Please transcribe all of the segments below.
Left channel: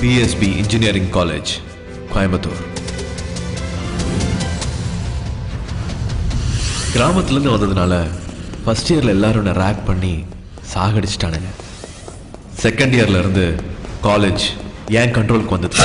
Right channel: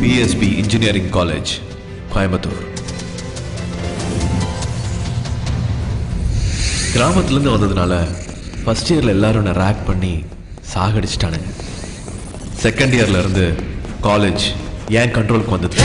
BSP engineering college, Coimbatore. கிராமத்துலேருந்து வந்ததுனால first இயரில் எல்லாரும் என்னை ரேக் பண்ணி சாகடிச்சிட்டானுங்க. செகண்ட் இயர்ல இருந்து காலேஜ் ஏன் கண்ட்ரோலுக்கு வந்தது.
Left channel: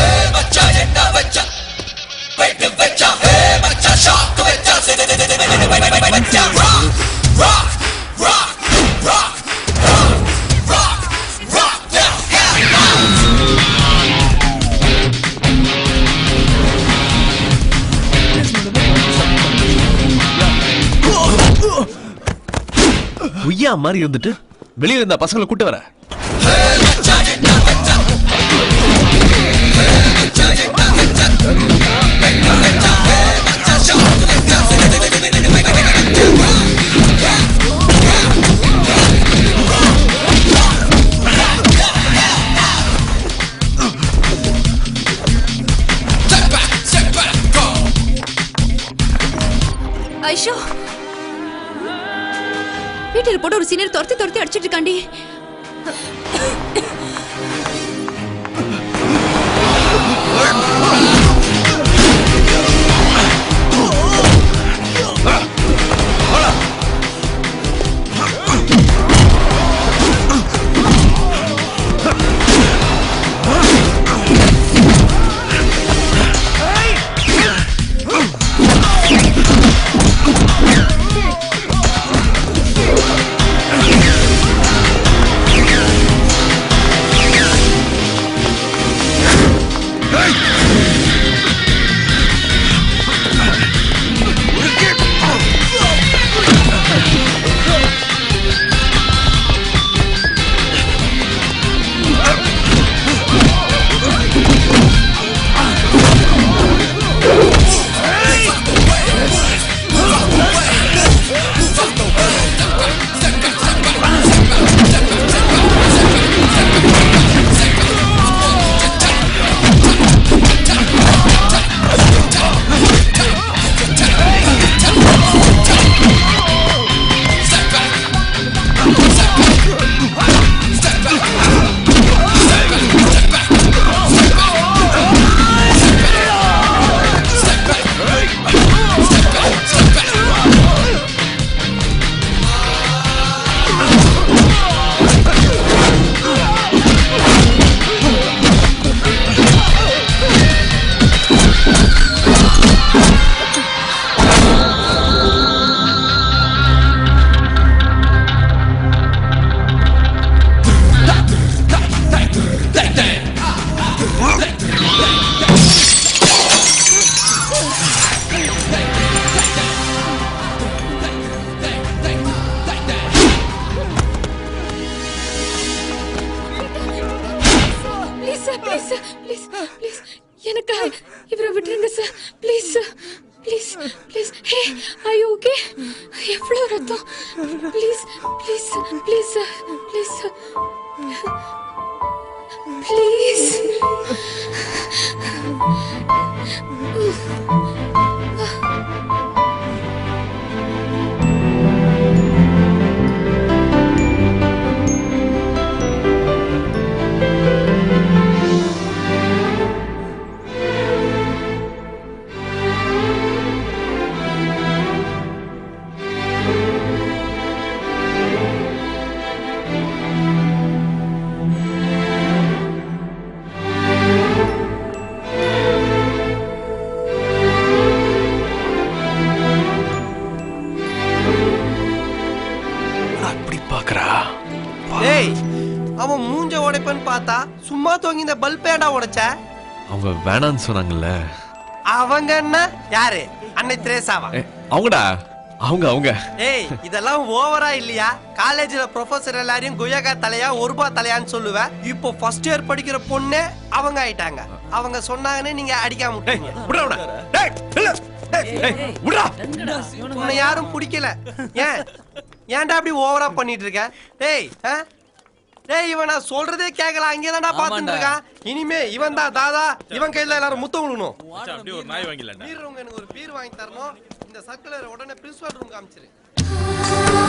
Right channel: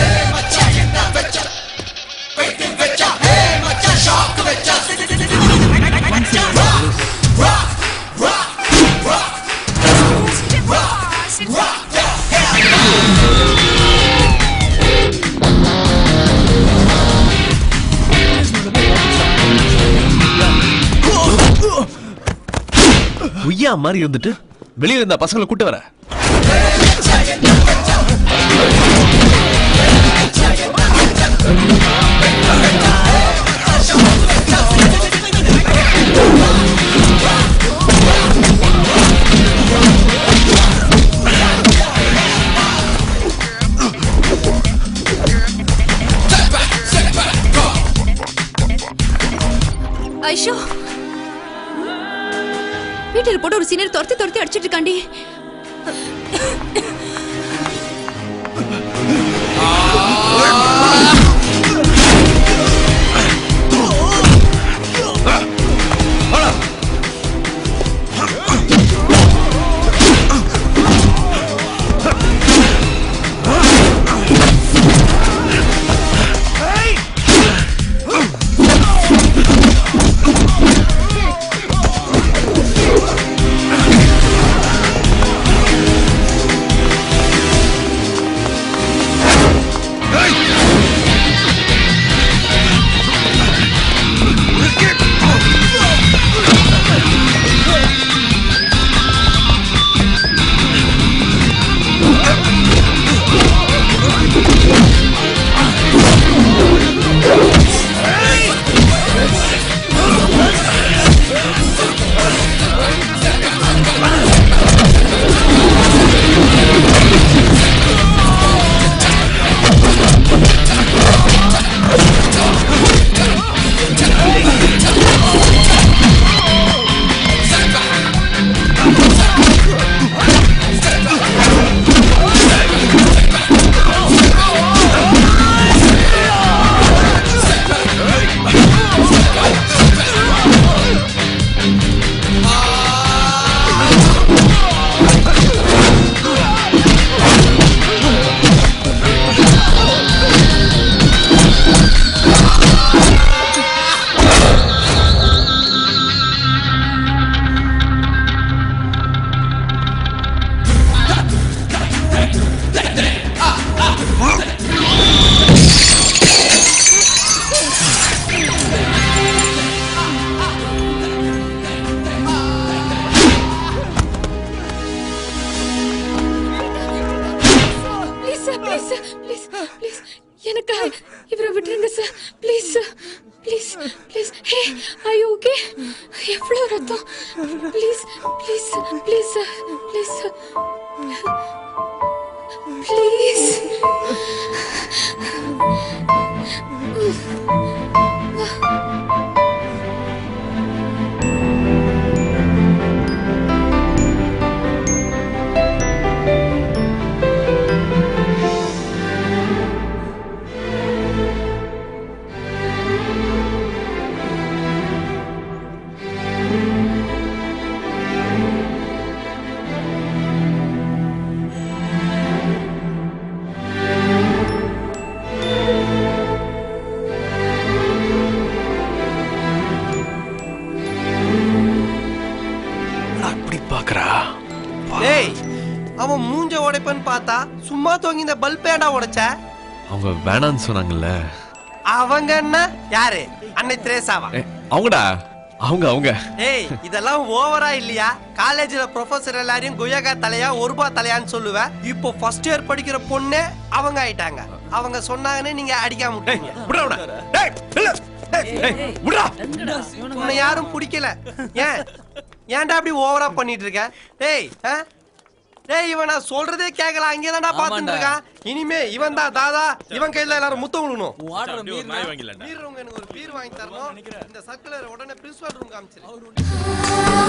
உய்யா மாதிரி இருந்துட்டு வெளியே இருந்த பசங்களை கூட்டு வர. ஐஷோ, வீட்டில் போட்டு ஒரு சீனியர் துரத்தி அடிச்சிட்டு இருக்காண்டி. எனக்கு இவரை விட்டுருங்க sir, please sir, please please. Hey, are you okay? எவ்வளோ ரத்தம், please please please sir, please sir, please. அவன் மூஞ்ச உடைப்பன்னு பார்த்தா சும்மா தூங்கி இந்த பல்ப் ஏடா உடைச்ச? அவங்க வேணான்னு சொன்னாங்கல்ல. அவங்க என்ன? யாரு? அன்னை திரேசாவா? அவங்கடா, அவங்க. ஏய், இதெல்லாம் ஓவரா இல்லையா? காலேஜ்ல ப்ரொஃபசர் எல்லாரையும் குயகா தலையா ஒரு ரூபாய் தலையான்னு சொல்லுவேன். இப்போ ஃபர்ஸ்ட் இயர் படிக்கிற பொண்ணே அவங்க ஆயிட்டாங்க. அவங்க சொன்னாங்கன்னு நீங்க அடிக்காம விட்டீங்க. உன்னை யாரும் பிடிக்கல. ஏன்டா அப்படி ஓவரா பண்ணிட்டு இருக்க? டேய் இவன் நான் சொல்றதே கேட்கல, அங்கேதான்டா பாத்துட்டு இருக்கான். இனிமே இவன் தான் தாதா, இவன் கையில எல்லாரும் முத்தம் விடணும். எனக்கு ஒரு பீர் வாங்கி தரணும். இந்த சர்க்குலர் உடனே பிரின்சிபல் ரூம் காமிச்சிரு.